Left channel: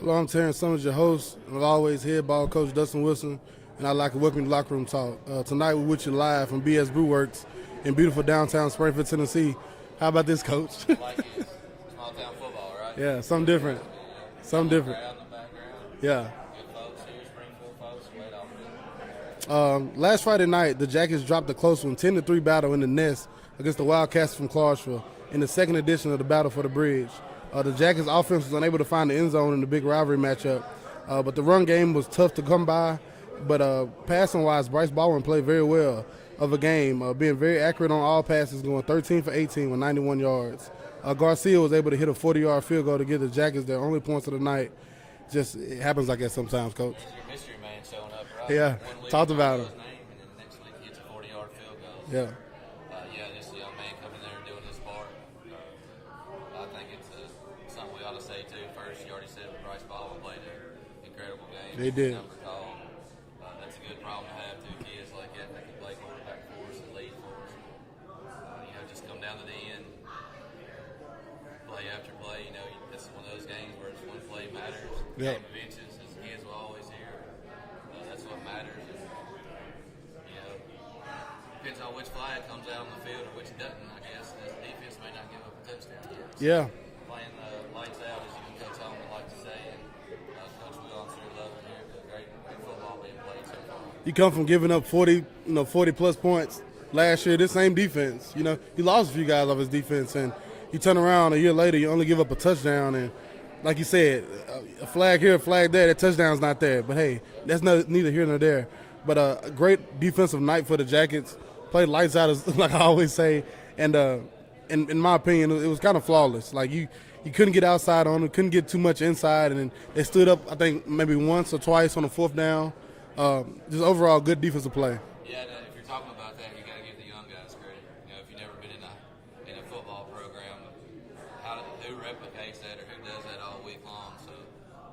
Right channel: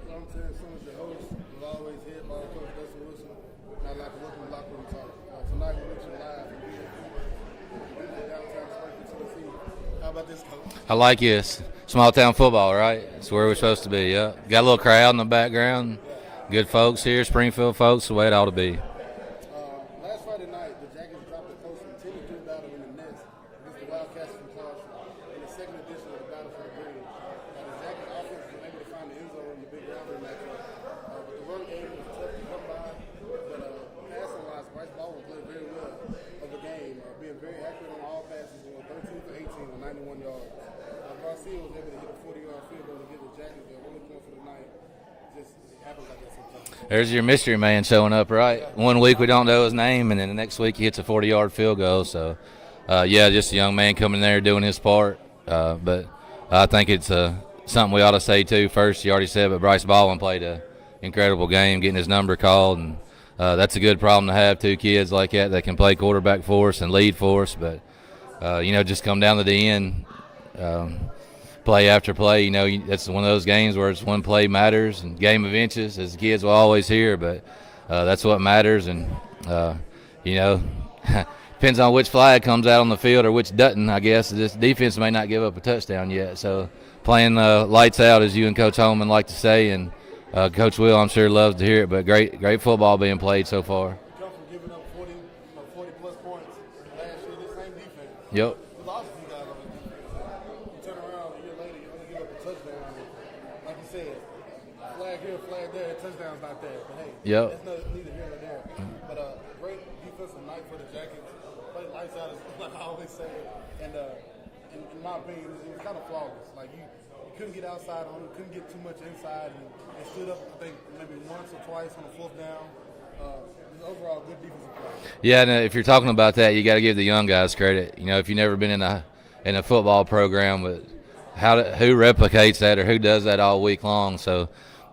Hello, I'm Terrence Summers, your host. As always, head ball coach Dustin Wilson, and I'd like to welcome you to Lockeroom Talk. Tonight, we're with you live from BS Brew Works in beautiful downtown Springfield, Tennessee. How about this, Coach? I like this. Small town football, right? Yeah, that's where we're supposed to be, yeah. Got a little different crowd in the background. Yeah. Good folks here, Springfield folks, the way it ought to be. Last Friday night, the Jackets dropped a close one, 10-3 battle in the Nest against the Wildcats from Clarksville in the second edition of the Battle for the Bridge. The Jackets' offense was unable to find the end zone in the big rivalry matchup, but the run game was tough to come by. But passing-wise, Bryce Baldwin played very well of a game, being very accurate on all passes, going 13 for 18 with 91 yards. Garcia was able to hit a 40-yard field goal to give the Jackets their only points of the night. It happens like that sometimes, Coach. There's your mystery man showing up, right? Yeah. One week we don't know his name, and then the next week he hits a 40-yard field goal. So, just a young man coming there doing his part. But I think it's something we ought to say, too. First, you already said, but Bryce Baldwin played an incredible game, getting his number called. And that's a good problem to have, two kids like that can play quarterback for us and lead for us. But, just come down to the end, play after play. That's one of those games where it's one play matters and game of inches, as the kids will always hear. But that's what matters. And, depends on which flag comes out on the field or which doesn't, I guess. This defense may not give up a touchdown yet. So playing lights out, as you and Coach Holman like to say, and Coach Will, I'm sure, loves to hear it. But great football being played so far. You come from giving up 40-plus points last year, this same defense. Yep. He lost a few guys off his defense, and you turn around a year later, you only give up a touchdown. And like you said, a flag here, a flag there, that touchdown's not there. But, hey, that's neither here nor there. But a great defensive night for the Jackets. Played lights out, like I always say, and in my opinion, it was kind of flawless. Like you couldn't get outside on them, couldn't get too much inside, and then they stood up, I think, maybe once or twice on the fourth down. Just overall good defensive play. Yeah, and if you're talking about that, you got to give the young guys credit. If you've never been in a football program, but who replicates that or who does that all week long? So,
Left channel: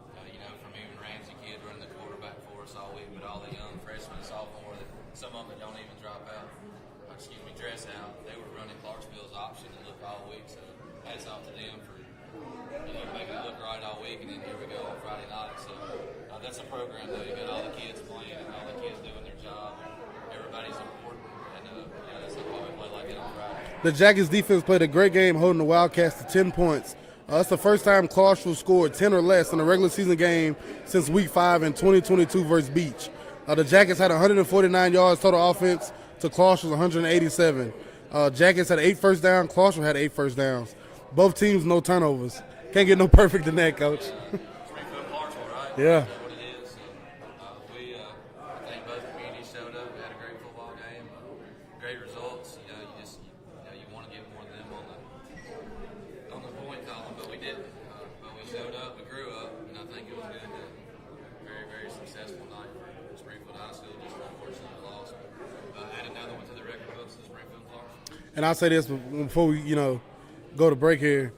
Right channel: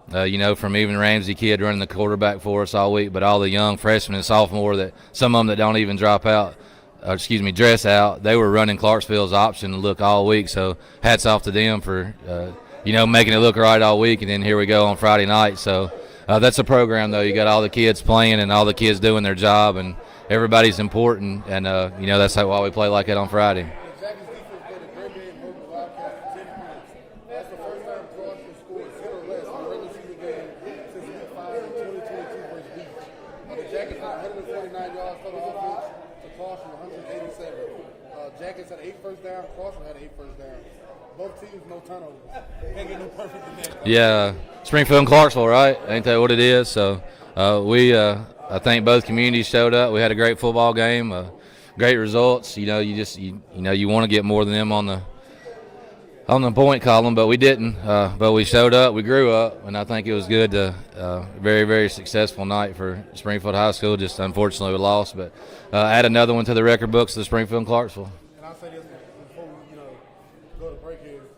from even Ramsey kid running the quarterback for us all week, but all the young freshmen and sophomore that some of them that don't even dress out, they were running Clarksville's option to look all week. So hats off to them for, making it look right all week. And then here we go on Friday night. So that's a program, though. You got all the kids playing and all the kids doing their job, and everybody's important. And, that's why we play like that on Friday. The Jackets defense played a great game holding the Wildcats to 10 points. That's the first time Clarksville scored 10 or less in a regular season game since Week 5 in 2022 versus Beach. The Jackets had 149 yards total offense to Clarksville's 187. Jackets had 8 first downs. Clarksville had 8 first downs. Both teams, no turnovers. Can't get no perfect in that, Coach. Yeah, Springfield and Clarksville, right? Yeah. Ain't that what it is? So I think both communities showed up. We had a great football game, great results. You want to get more than them on the point column, but we didn't. But we showed up, we grew up, and I think it was good. Very, very successful night for Springfield High School. Just unfortunately we lost, but add another one to the record books of Springfield and Clarksville. And I'll say this before we go to break here.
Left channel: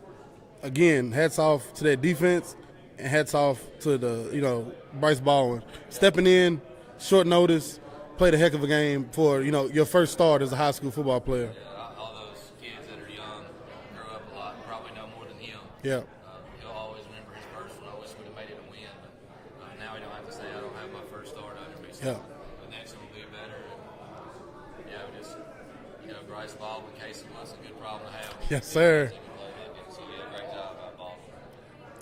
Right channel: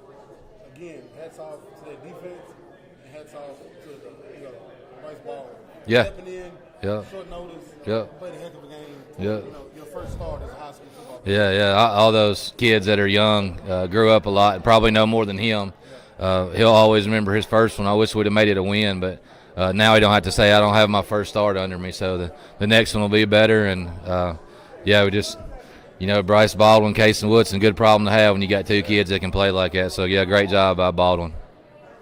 Again, hats off to that defense, and hats off to the Bryce Baldwin stepping in. Yeah. Short notice, played a heck of a game for your first start as a high school football player. Yeah. All those kids that are young grew up a lot and probably know more than him. Yeah. He'll always remember his first one. I wish we'd have made it a win, but now he don't have to say I don't have my first start under me. So the next one will be better. And we just Bryce Baldwin, Casey Woodson, good problem to have when you got two kids that can play like that. So great job by Baldwin.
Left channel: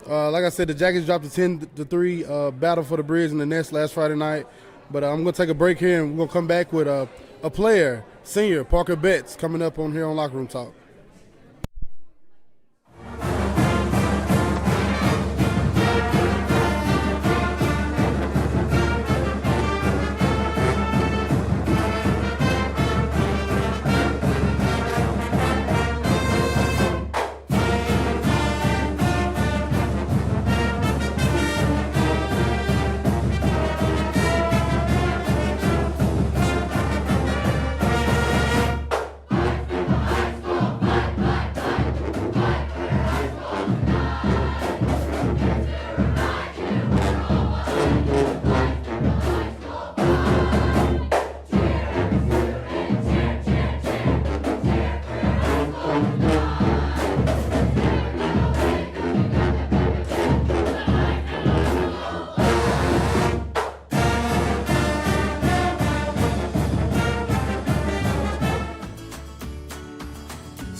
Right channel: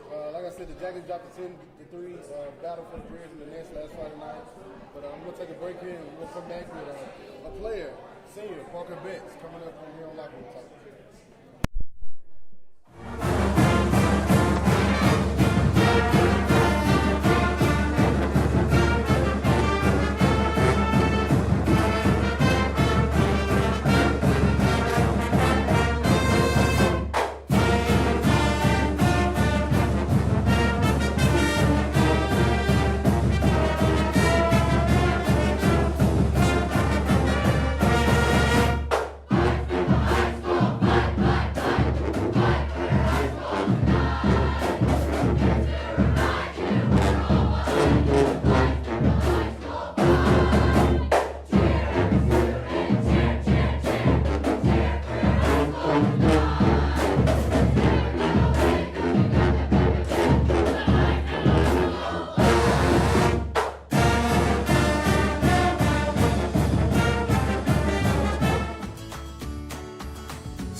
Like I said, the Jackets dropped a 10-3 battle for the Bridge in the Nest last Friday night. But I'm going to take a break here, and we're going to come back with a player, senior, Parker Betts, coming up on here on Locker Room Talk.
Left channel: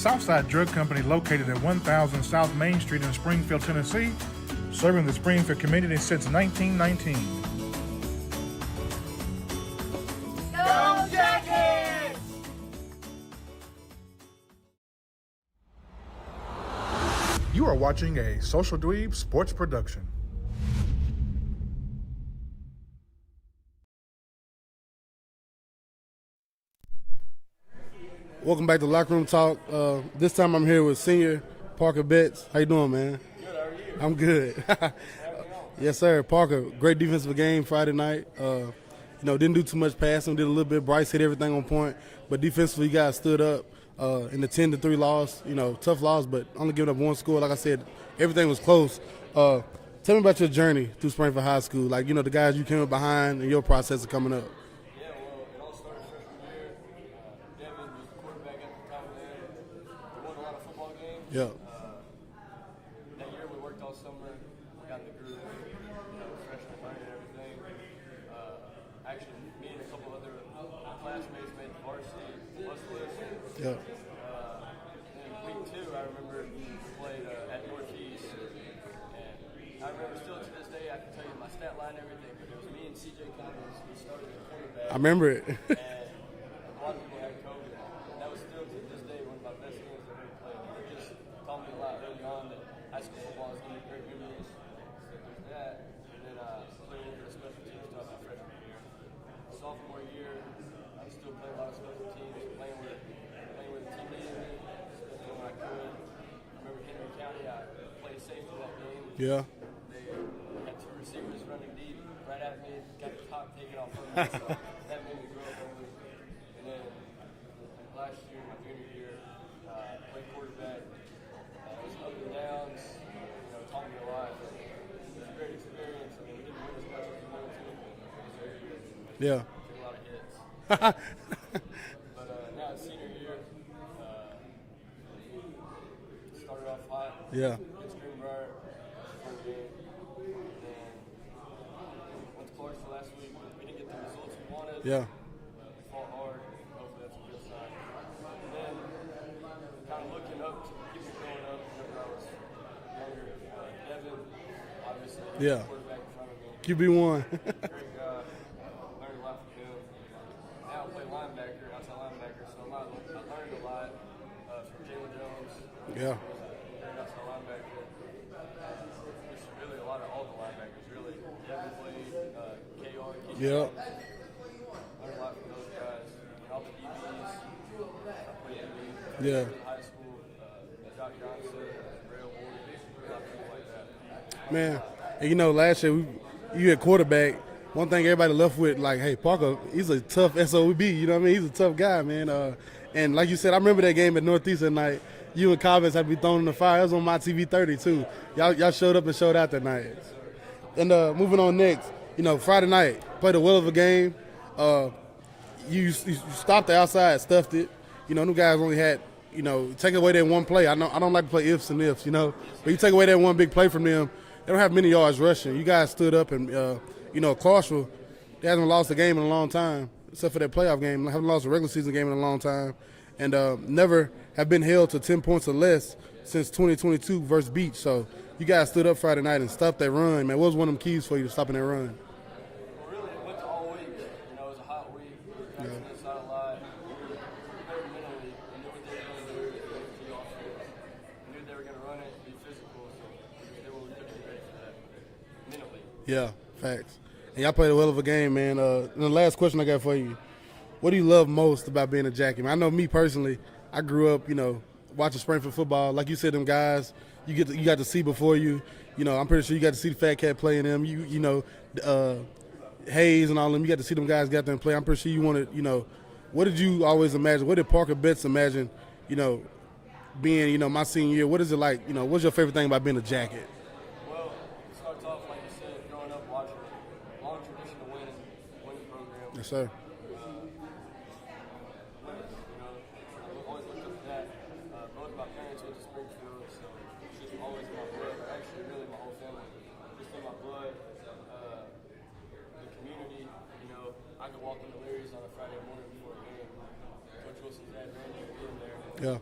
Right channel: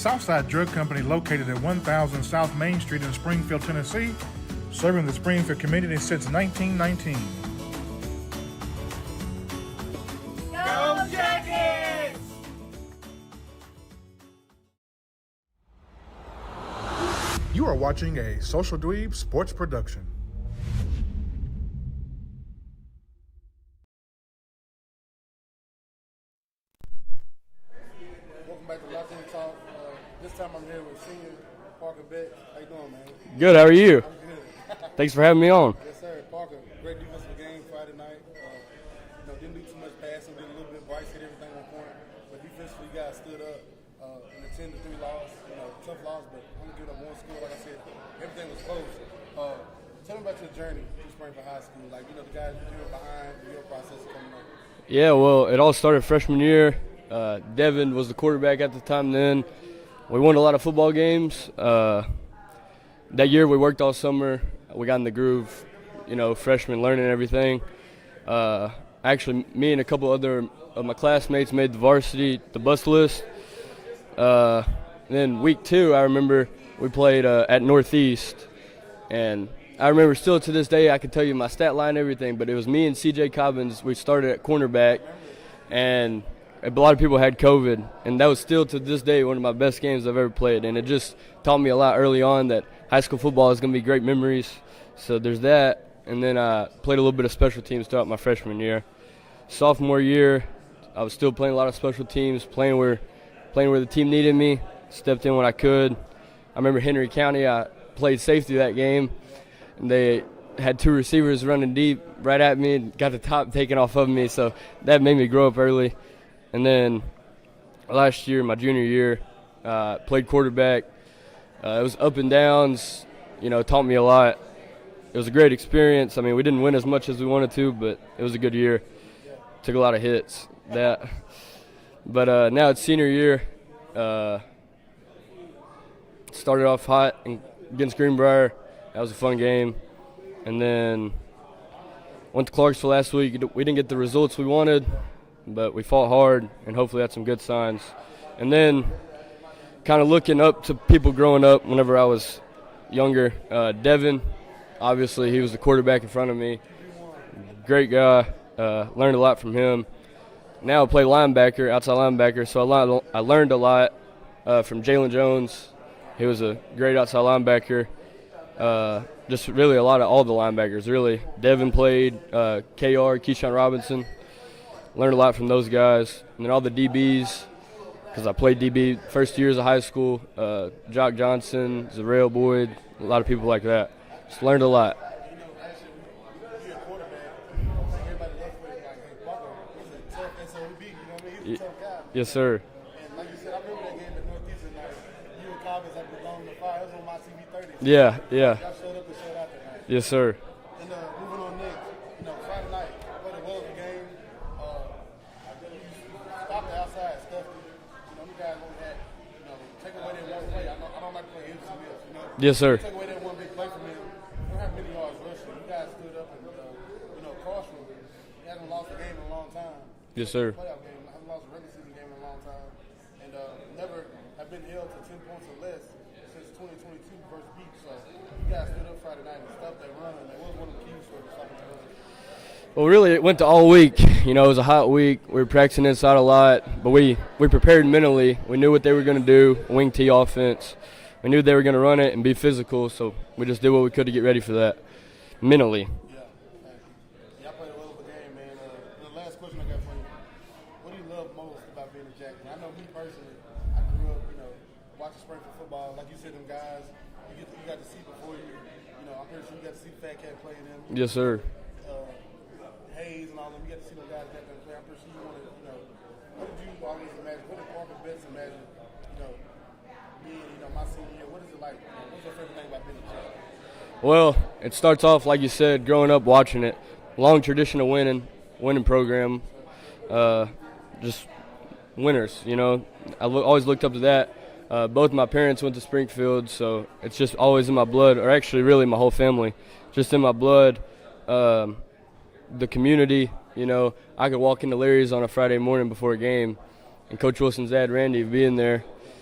Southside Drug Company located at 1000 South Main Street in Springfield, Tennessee, serving the Springfield community since 1919. Go Jackets! You are watching a Social Dweeb Sports production. Welcome back to Lockeroom Talk. This time I'm here with senior Parker Betts. How you doing, man? Good, how are you? I'm good. Thanks for having me on. Yes, sir. Parker, great defensive game Friday night. Didn't do too much passing, did a little bit. Bryce hit everything on point, but defensively you guys stood up in the 10-3 loss. Tough loss, but only giving up one score. Like I said, everything was close. Tell me about your journey through Springfield High School. The guys you came up behind and your process of coming up. Yeah, well, it all started freshman year. Devin was the quarterback at the time then. We won a lot of football games. Yeah. That year we worked all summer. We got in the groove, freshman learning everything. Actually, me and a couple other of my classmates made the varsity, the bus list. Yeah. Then week 2, I remember we played at Northeast. And I remember still to this day, I can tell you my stat line and everything, but it was me and C.J. Cobbins. We started at cornerback. I remember it. And a lot of people had COVID, and that was still to this day one of my best games I've ever played. And it just taught me a lot early on that high school football is going to be great memories. So there's that. And then I played a little bit of special teams throughout my freshman year. Sophomore year, I was still playing a lot of special teams, playing where the team needed me, stepped in when I could. I remember Henry County, I played safety that game. Yeah. And they had 2 receivers running deep right at me and got the top taken off of me, so that made me grow up early. And then last year, my junior year, played quarterback. It was up and downs, taught me a lot. It was a great experience. I mean, we didn't win as much as we wanted to, but it was a good year. Yeah. Took a lot of hits. But now it's senior year. Started off hot against Greenbrier. That was a fun game. And then went to Clarksville last week. We didn't get the results we wanted. Yeah. But we fought hard, and hopefully that's some good signs. And then kind of looking up to people growing up whenever I was younger. Devin, obviously, he was the quarterback in front of me. QB1. Great guy. Learned a lot from him. Now I play linebacker, outside linebacker, so I learned a lot from Jalen Jones. Yeah. He was a great outside linebacker. Just really a lot of all the linebackers, really. Devin played, KR, Keyshawn Robinson. Learned a lot from those guys. And then all the DBs, because I played DB first years of high school. Jock Johnson, Zarrell Boyd, a lot of people like that. Just learned a lot. And last year you had quarterback. One thing everybody left with, hey, Parker, he's a tough SOB. You know what I mean? He's a tough guy, man. Yes, sir. And like you said, I remember that game at Northeast that night. You and Cobbins had to be thrown in the fire. It was on my TV 30, too. Yeah. Y'all showed up and showed out that night. Yes, sir. And moving on next, Friday night, played a well of a game. You stopped the outside, stuffed it. Them guys only had, take away that one play. I don't like to play ifs and ifs, Yes, sir. You take away that one big play from them, they don't have many yards rushing. You guys stood up and, Clarksville, they haven't lost a game in a long time, except for that playoff game. They haven't lost a regular season game in a long time. And never have been held to 10 points or less since 2022 versus Beach. So you guys stood up Friday night and stopped that run, man. What was one of them keys for you to stopping that run? Well, really, it went to all week. It was a hot week. We were practicing inside a lot, but we prepared mentally. We knew what they were going to do, wing T offense. We knew they were going to run it and be physical, so we just did what we could to get ready for that mentally. Yeah, facts. And y'all played a well of a game, man. And the last question I got for you, what do you love most about being a Jackie? I know me personally, I grew up, watching Springfield football. Like you said, them guys, you got to see before you. I'm pretty sure you got to see the Fat Cat playing them. Yes, sir. Hayes and all them, you got to see them guys get out there and play. I'm pretty sure you wanted, what did you always imagine? What did Parker Betts imagine, being, my senior year? What is it like, what's your favorite thing about being a Jacket? Well, it starts off, like you said, growing up watching it. Long tradition of winning program. Yes, sir. Just winners, I always looked up to that. Both my parents went to Springfield, so it's just always in my blood, or actually really my whole family, just in my blood. The community, I could walk into Larry's on a Friday morning before a game, and Coach Wilson's dad, Randy, being there. Yeah.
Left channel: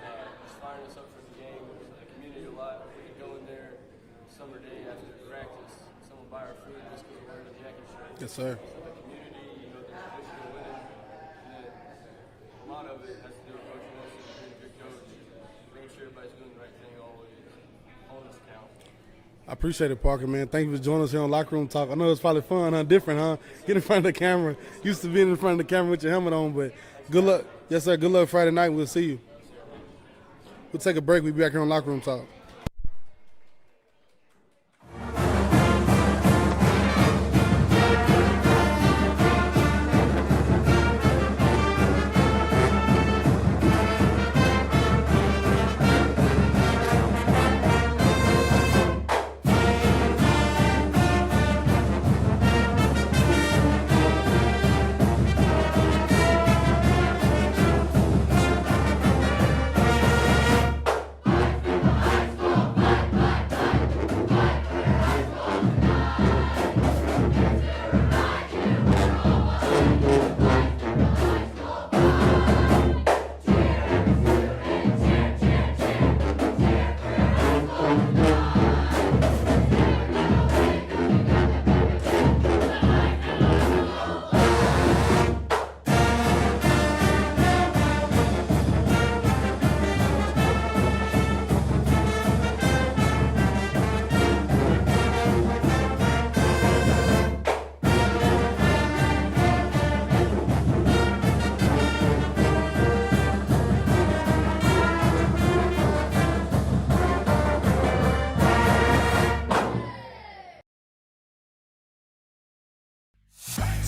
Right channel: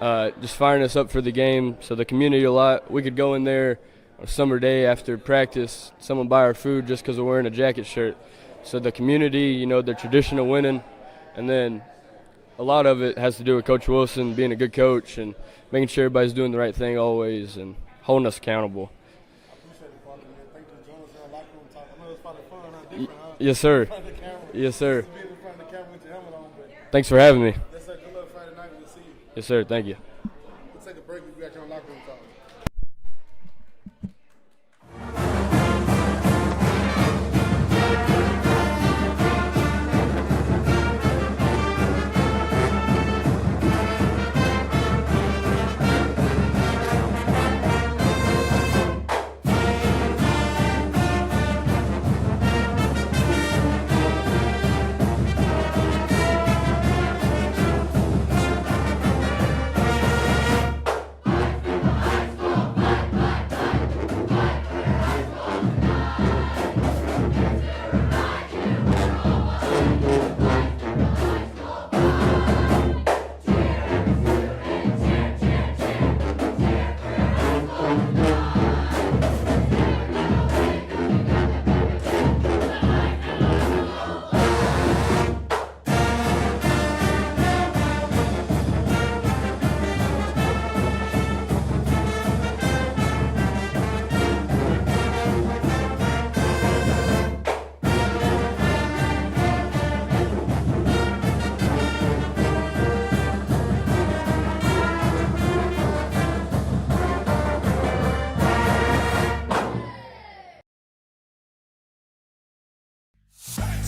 just firing us up for the game. So the community a lot. We could go in there a summer day after practice, someone buy our food just because we're wearing a jacket shirt. Yes, sir. So the community, the tradition of winning, and then a lot of it has to do with Coach Wilson being a good coach and making sure everybody's doing the right thing always and holding us accountable. I appreciate it, Parker, man. Thank you for joining us here on Locker Room Talk. I know it's probably fun, huh? Different, huh? Yes, sir. In front of the camera. Yes, sir. Used to being in front of the camera with your helmet on, but Thanks for having me. Yes, sir. Good luck Friday night. We'll see you. Yes, sir. Thank you. We'll take a break. We'll be back here on Locker Room Talk.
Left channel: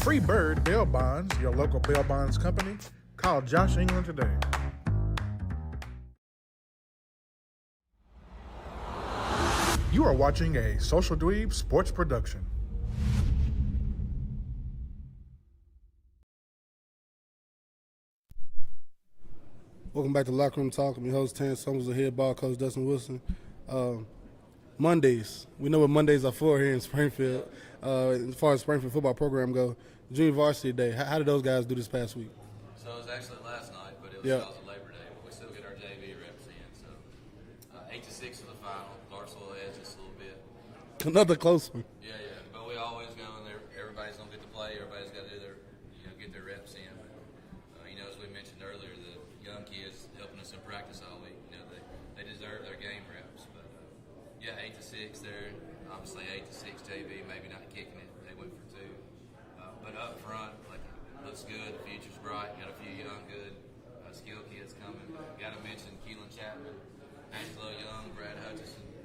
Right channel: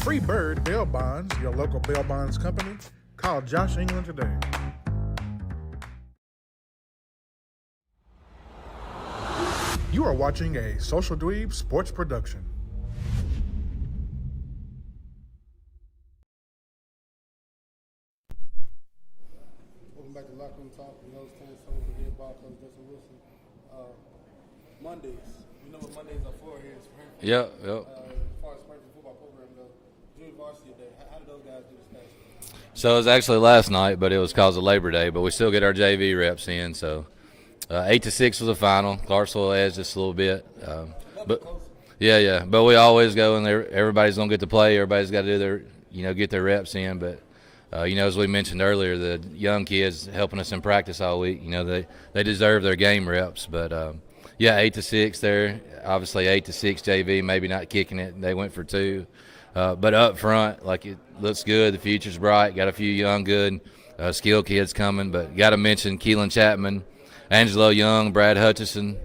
Free Bird Bail Bonds, your local bail bonds company. Call Josh England today. You are watching a Social Dweeb sports production. Welcome back to Locker Room Talk. I'm your host, Terrence Summers, the head ball coach, Dustin Wilson. Mondays. We know what Mondays are for here in Springfield. Yep. As far as Springfield football program go, Junior Varsity Day. How did those guys do this past week? So it was actually last night, but it was because of Labor Day. But we still get our JV reps in. So 8-6 was the final. Clarksville edged just a little bit. Another close one. Yeah. But we always go in there. Everybody's gonna get to play. Everybody's got to do their, get their reps in. But as we mentioned earlier, the young kids helping us in practice all week. They deserve their game reps. But 8-6 there. Obviously 8-6 JV, maybe not kicking it. They went for 2. But up front, it looks good. The future's bright. Got a few young, good, skilled kids coming. But got to mention Keelan Chapman, Angelo Young, Brad Hutchison,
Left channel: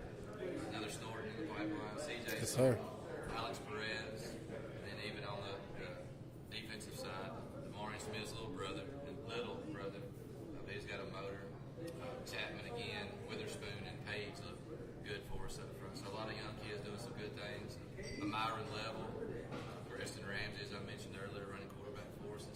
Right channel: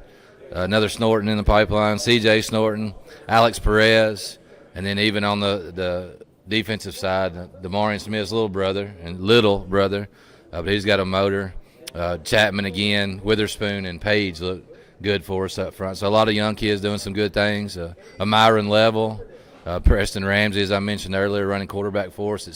another Snorton in the pipeline, CJ Snorton, Alex Perez, and then even on the defensive side, Demarion Smith's little brother, but he's got a motor. Chapman again, Witherspoon, and Page look good for us up front. So a lot of young kids doing some good things. A Myron Level. Preston Ramsey, as I mentioned earlier, running quarterback for us at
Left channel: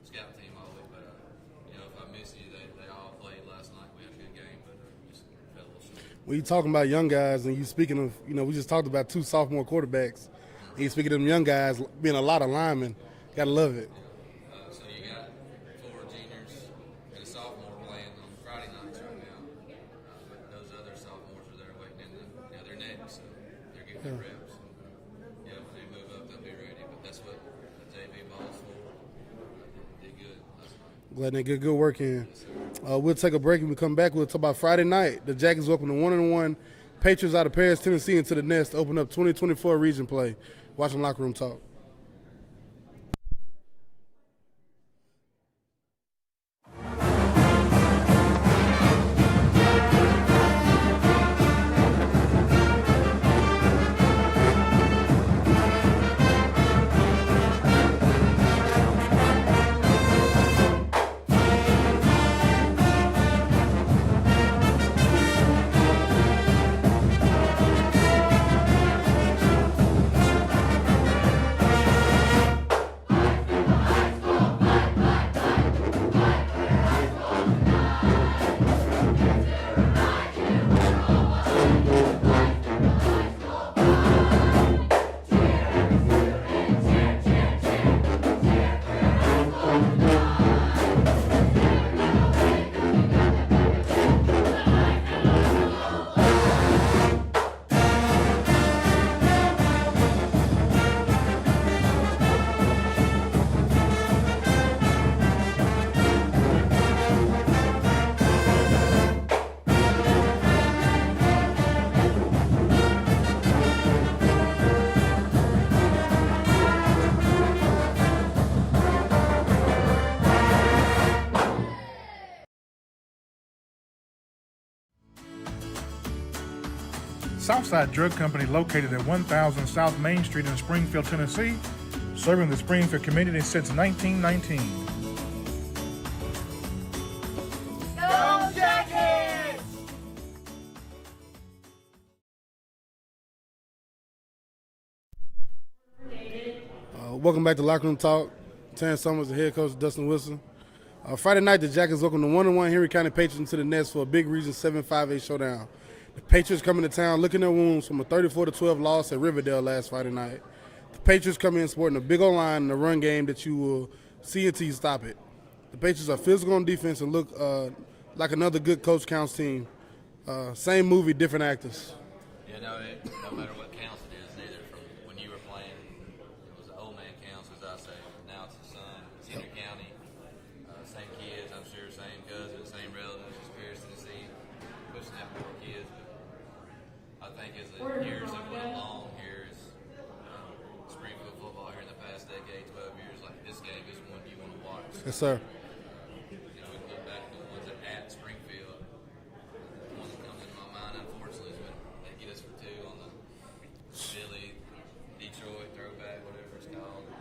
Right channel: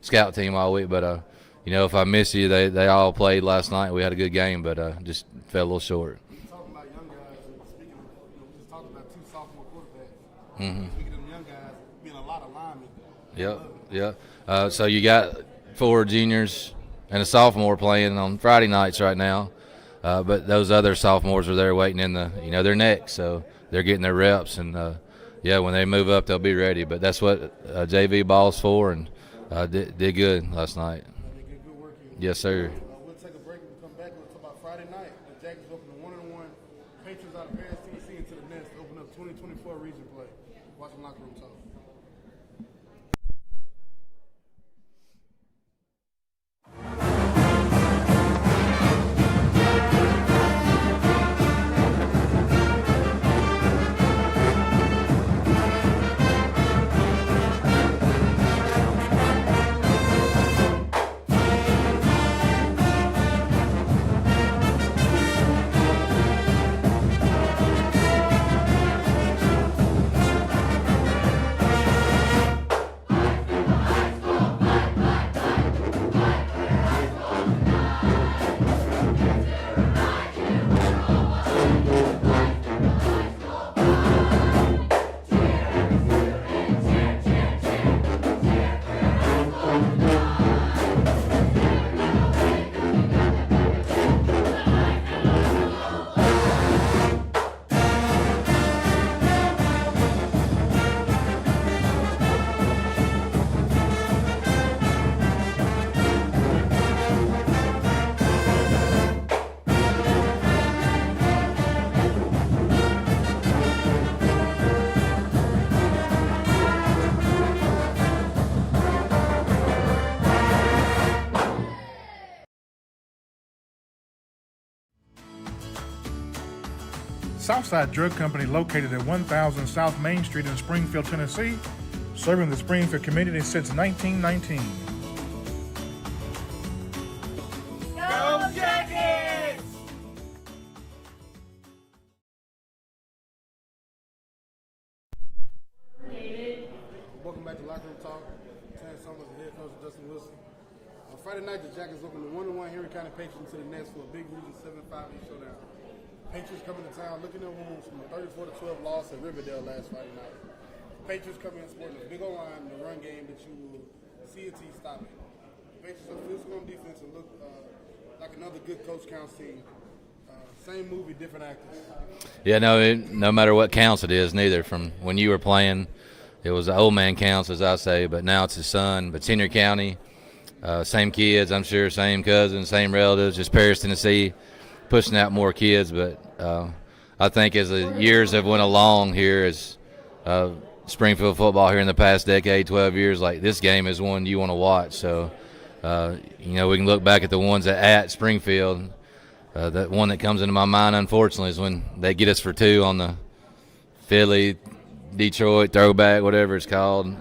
scout team all week. But, if I miss you, they all played last night. We had a good game, but just fell a little short. When you talking about young guys and you speaking of, we just talked about 2 sophomore quarterbacks. Mm-hmm. You speaking of them young guys being a lot of linemen. Gotta love it. Yeah. So you got 4 juniors and a sophomore playing on Friday nights right now. But those other sophomores are there waiting in their next. So they're getting their reps and, when they move up, they'll be ready. But that's what JV ball's for, and did good last night. Letting it get good work in. Yes, sir. We'll take a break. When we come back, we'll talk about Friday night. The Jackets open the 1-1 Patriots out of Paris, Tennessee into the Nest to open up 2024 region play. Watching Locker Room Talk. Southside Drug Company located at 1000 South Main Street in Springfield, Tennessee, serving the Springfield community since 1919. Go Jackets! Welcome back to Lockeroom Talk. Terrence Summers, the head coach, Dustin Wilson. Friday night, the Jackets welcome the 1-1 Henry County Patriots into the Nest for a big Region 7-5A showdown. The Patriots coming to town licking their wounds from a 34-12 loss at Riverdale last Friday night. The Patriots come in sporting a big old line in the run game that you will see until you stop it. The Patriots are physical on defense and look like another good Coach Counts team. Same movie, different actors. Yeah, no matter what counts it is, neither. From when you were playing, it was the old man counts, as I say, but now it's his son. But Henry County, same kids, I'm sure, same cousins, same relatives, just Paris, Tennessee, pushing out more kids. But I think as the years have went along here, as Springfield football here in the past decade, 12 years, like this game is one you want to watch. So, Yes, we can look back at the ones at Springfield. That one that comes into my mind, unfortunately, is when they get us for 2 on the Philly, Detroit throwback, whatever it's called.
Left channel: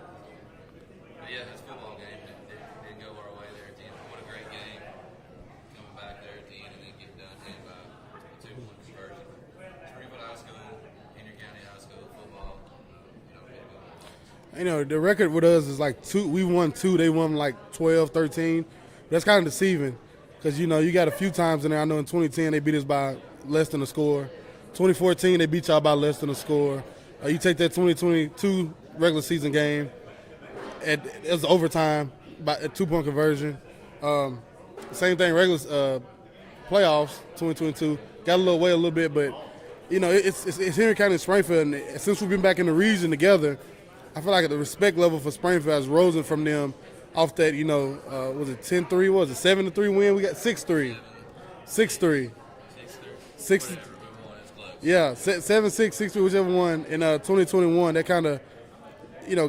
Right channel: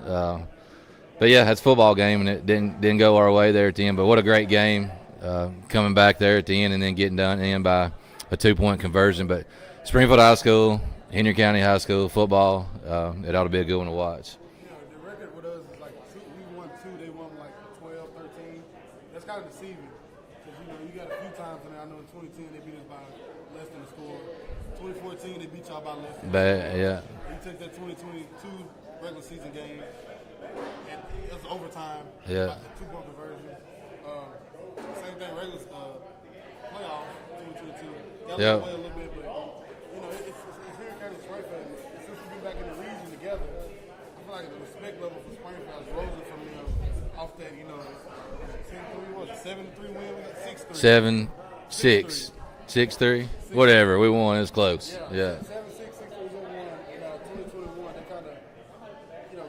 But yeah, that's a football game, and it didn't go our way there at the end. But what a great game, coming back there at the end and then getting done in by a 2-point conversion. But Springfield High School, Henry County High School football, it ought to be a good one to watch. The record with us is like 2. We won 2. They won like 12, 13. That's kind of deceiving because, you got a few times in there. I know in 2010 they beat us by less than a score. 2014 they beat y'all by less than a score. Yeah. You take that 2022 regular season game, it was overtime, by a 2-point conversion. Same thing, regular playoffs, 2022. Got a little away a little bit, but, it's Henry County and Springfield. And since we've been back in the region together, I feel like the respect level for Springfield has risen from them off that, was it 10-3? What was it, 7-3 win? We got 6-3. 6-3. 6-3? Whatever. We won. It was close. Yeah. 7-6, 6-3, whichever one. In 2021, that kind of,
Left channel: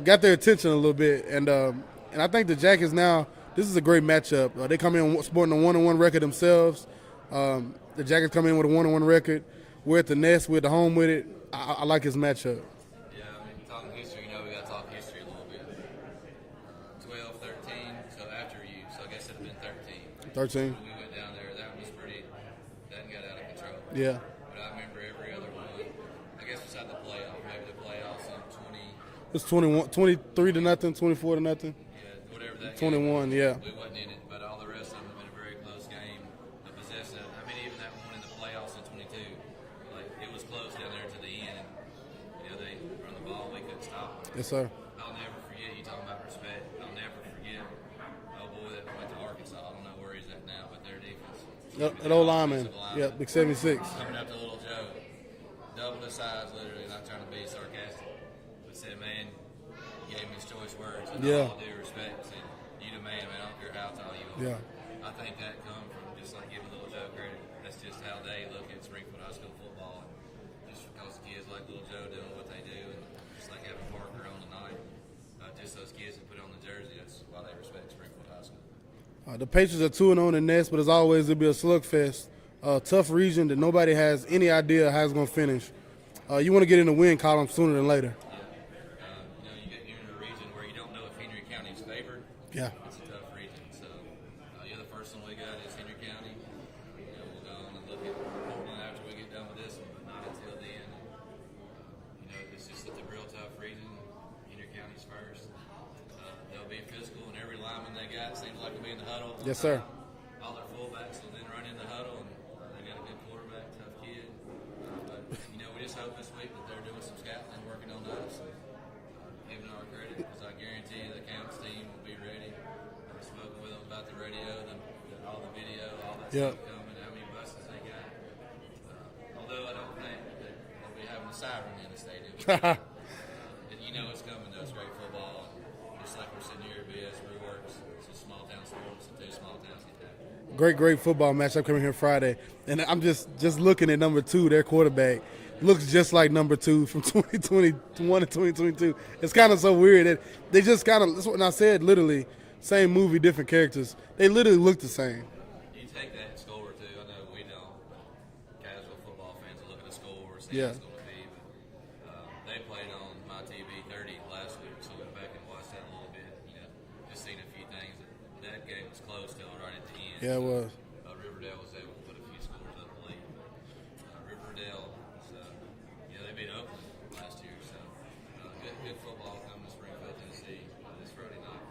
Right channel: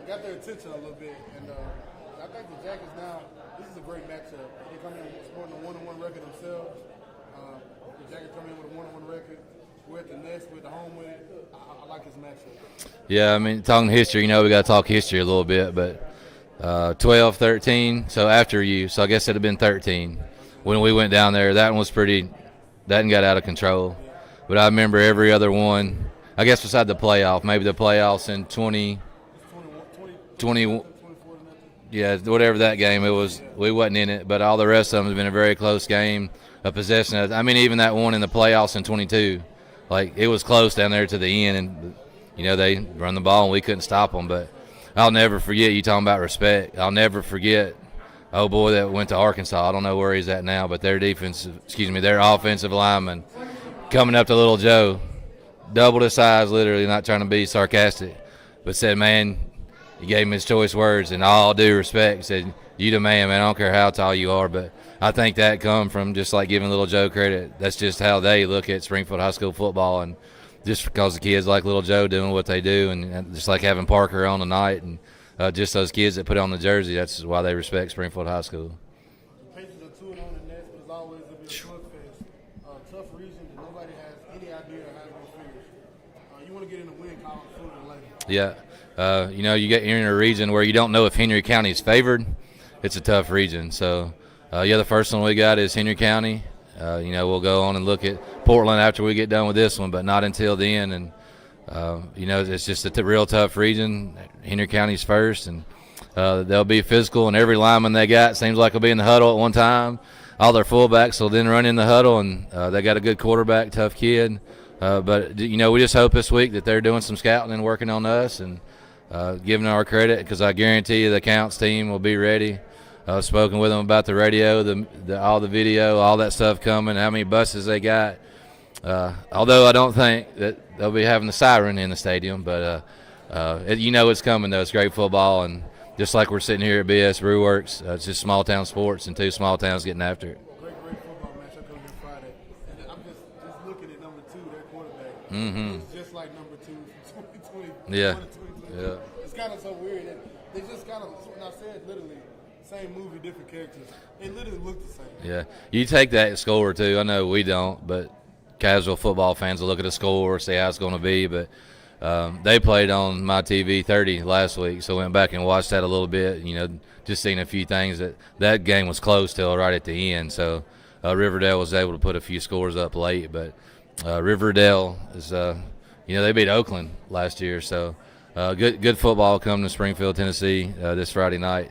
got their attention a little bit. And I think the Jackets now, this is a great matchup. They come in sporting a 1-1 record themselves. The Jackets come in with a 1-1 record. We're at the Nest. We're at the home with it. I like this matchup. Yeah, talking history, we got to talk history a little bit, but 12, 13, so after you, so I guess it would have been 13. When we went down there. That one was that one got out of control. Yeah. But I remember every other one, I guess beside the playoff, maybe the playoffs in 20. It's 23 to nothing, 24 to nothing. Yeah, whatever that game it was, yeah. We wasn't in it, but all the rest of them has been a very close game, a possession. Even that one in the playoffs in 22, it was close down there to the end, and they run the ball and we couldn't stop them. But Yes, I'll never forget, you talking about respect, I'll never forget, oh boy, that went to Arkansas. I don't know where he's at now, but their their offensive lineman, yeah, 76. coming up to little Joe, doubled his size, literally, not trying to be sarcastic, but said, man, he gave him his choice words, and all due respect, said, you the man, I don't care how tall you are. But I think that come from just like giving little Joe credit. That's just how they look at Springfield High School football, and just because the kids like little Joe doing what they do, and just like having Parker on tonight, and just those kids that put on the jersey, that's why they respect Springfield High School. The Patriots are 2-0 in the Nest, but as always, it'll be a slugfest. Tough region that nobody has any idea how it's going to finish. You want to get in the win column sooner than later. Yeah. You get in a region where you don't know if Henry County is favored. Yeah. It's a tough region. So, the first one we got is Henry County. We'll go on and look at Portland after we get done with this one, but not until then. And, it's just a real tough region. Henry County's first, and they'll be physical, and every lineman they got seems like will be in the huddle at one time. All their fullbacks will then run in the huddle, and they got a good quarterback, tough kid. But we just hope this week that they're doing some scouting and working on us and giving our credit, because I guarantee you the Counts team will be ready. I've spoken with them about the radio, all the video, all that stuff coming, how many buses they got. Although I don't think that they'll be having the siren in the stadium, but it's coming, though. It's great football, and just like we're sitting here at BS Brewworks, it's just small-town sports and 2 small towns getting after it. Great football matchup coming here Friday. And I'm just looking at number 2, their quarterback. Looks just like number 2 from 2021 to 2022. Yeah. It's kind of so weird that they just kind of, that's what I said, literally, same movie, different characters. They literally look the same. Yeah. You take that score, too. I know we don't, but casual football fans will look at the score, see how it's going to be. But they played on my TV 30 last week, so went back and watched that a little bit. Just seeing a few things. That game was close till right at the end. So Riverdale was able to put a few scores up late, but Riverdale is they beat Oakland last year, so good football coming to Springfield, Tennessee this Friday night.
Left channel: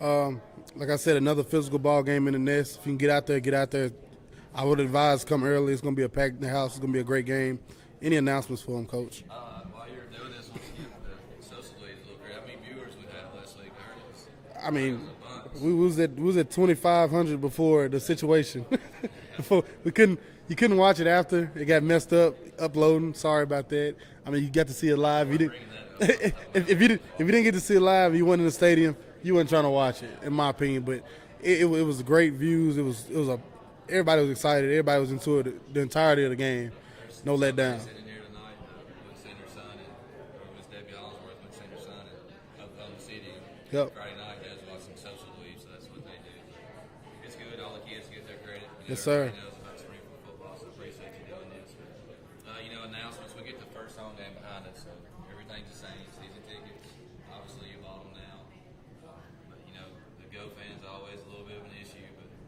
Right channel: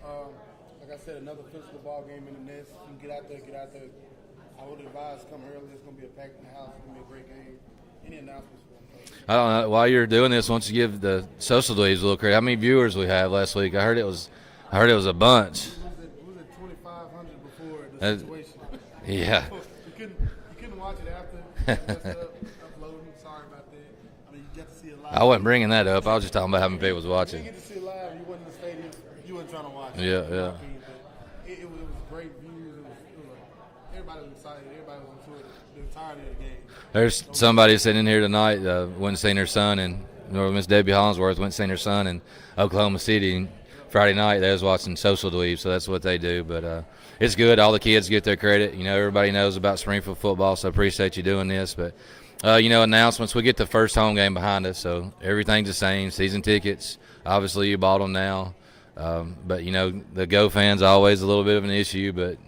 Like I said, another physical ball game in the nest. If you can get out there. I would advise come early. It's going to be a packed in the house. It's going to be a great game. Any announcements for them, Coach? I don't know. While you're doing this, why don't you give the social dweebs a little credit? How many viewers we have last week? I heard it was a bunch. We was at 2,500 before the situation. Yeah. You couldn't watch it after. It got messed up uploading. Sorry about that. I mean, you got to see it live. I wasn't bringing that up. I was just talking about how many people was watching. If you didn't get to see it live, you went in the stadium, you weren't trying to watch it, in my opinion. But it was great views. Everybody was excited. Everybody was into it the entirety of the game. There's somebody sitting here tonight went and seen her son, and Miss Debbie Hollingsworth went and seen her son in Oklahoma City. Friday night they was watching Social Dweeb, so that's what they do. But it's good. All the kids get their credit. Everybody knows about Springfield football, so I appreciate you doing this. But announcements. We get the first home game behind us, so everything's the same. Season tickets, obviously you bought them now. But the Go fans always a little bit of an issue, but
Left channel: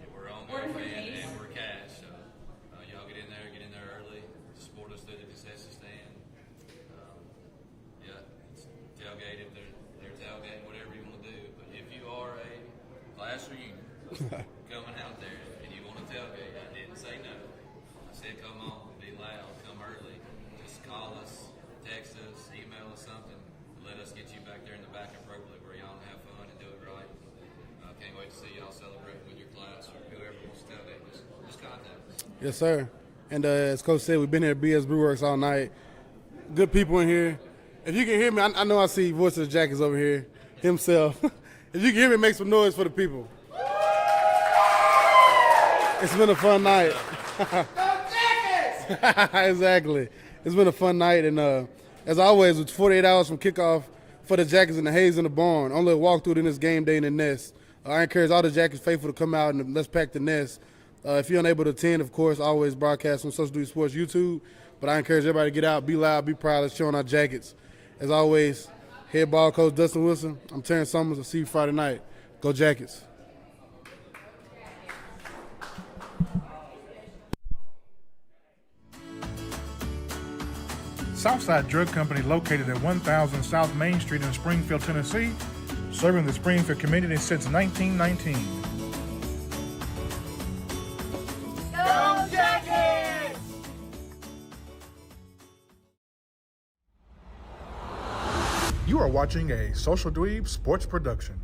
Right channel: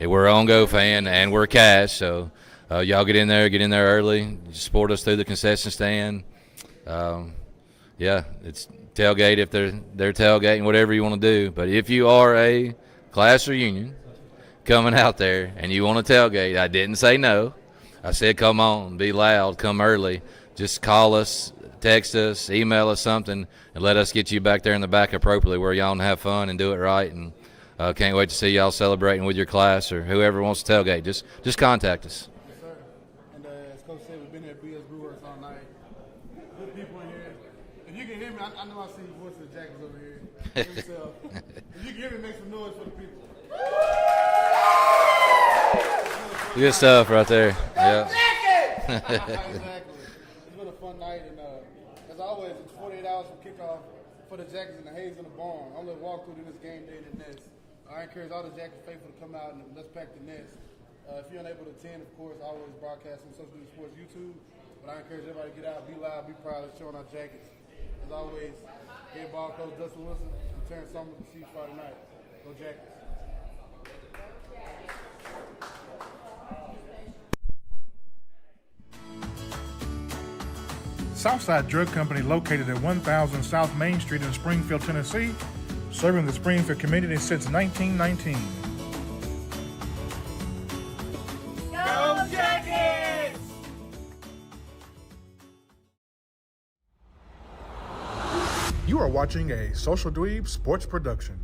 we're on Go fan and we're cash, so y'all get in there early. Support us through the concession stand. It's tailgate if they're tailgating, whatever you want to do. But if you are a class reunion coming out there and you want to tailgate, I didn't say no. I said come on, be loud, come early. Just call us, text us, email us something, and let us get you back there in the back appropriately where y'all can have fun and do it right. And can't wait to see y'all celebrating with your class or whoever wants to tailgate. Just contact us. Yes, sir. And as Coach said, we've been here at BS Brewworks all night. Good people in here. If you can hear me, I know I see Voice of the Jack is over here himself. If you can hear me, make some noise for the people. It's been a fun night. Good stuff right there. Yeah. Exactly. It's been a fun night, and as always, it's 48 hours from kickoff for the Jackets and the Hayes in the barn. Only a walkthrough in this game day in the nest. I encourage all the Jackets faithful to come out and let's pack the nest. If you're unable to attend, of course, always broadcast on Social Duty Sports YouTube. But I encourage everybody to get out, be loud, be proud. Let's show on our Jackets. As always, head ball coach Dustin Wilson. I'm Terrence Summers. I'll see you Friday night. Go Jackets. Southside Drug Company, located at 1000 South Main Street in Springfield, Tennessee, serving the Springfield community since 1919. Go Jackets! You are watching a Social Dweeb Sports production.